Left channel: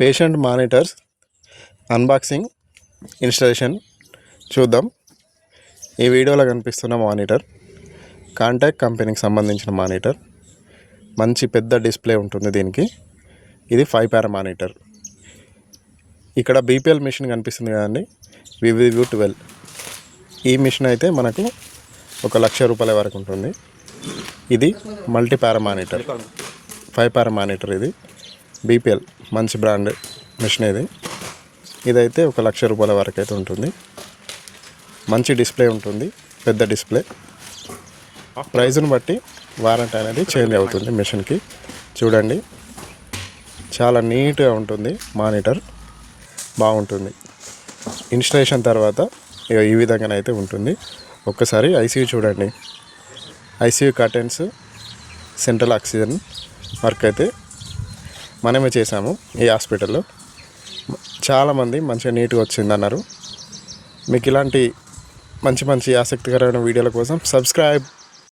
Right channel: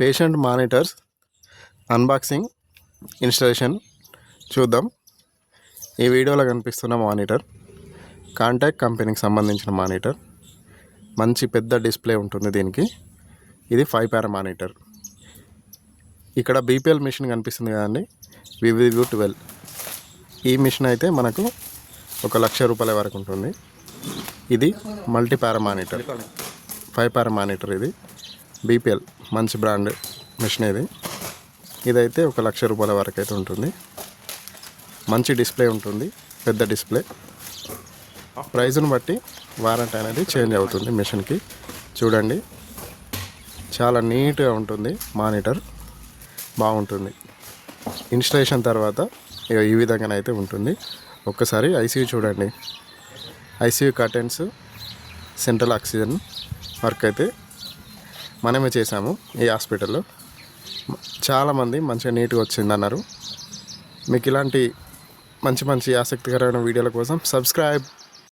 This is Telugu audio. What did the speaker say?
పేషెంట్ మానిటర్స్ అన్బాక్సింగ్ ఇన్స్టాలేషన్ చూద్దాం. ఈ వీడియోలో కనిపిస్తున్న మానిటర్ కాంటాక్ట్ కంపెనీకి సంబంధించిన మానిటర్. మంచి పెద్ద డిస్ప్లే ఉంటుంది దీనికి. ఇది 5 పారా మానిటర్. ఇక్కడ బీపీఎల్ మిషన్ కనిపిస్తుంది కదండి, VVU12. ఈ మిషన్ అయితే మనకు 1,00,000 రూపాయల వరకు ఉంటుంది. ఇది మల్టీ పారా మానిటర్, 5 పారా మానిటర్. ఇది బీపీఎల్ మంచి బ్రాండ్ మిషన్. ఇదైతే 1,00,000 రూపాయల వరకు అయితే ఉంటుంది. మంచి డిస్ప్లే ఉంటుంది, పెద్ద డిస్ప్లే. ప్రైజ్ను బట్టి వారంటీ అనేది చేంజ్ అవుతుంది మిషన్కి. చూడండి, చాలా నీట్గా ఉంటుంది మానిటర్, బాగుంటుంది. ఇన్స్టాలేషన్ తర్వాత ఈ విధంగానైతే ఉంటుంది. ఒక్కసారి ఐసీయూ చూడండి. ICU curtains, central oxygen work అయితే మనమే చేసాము ఈ హాస్పిటల్లో. చాలామంది మంచిగా నీట్గా వచ్చిందన్నారు. మీకు ఇలాంటి మంచి మంచి ఆసక్తికరమైన వీడియోల కోసం సబ్స్క్రైబ్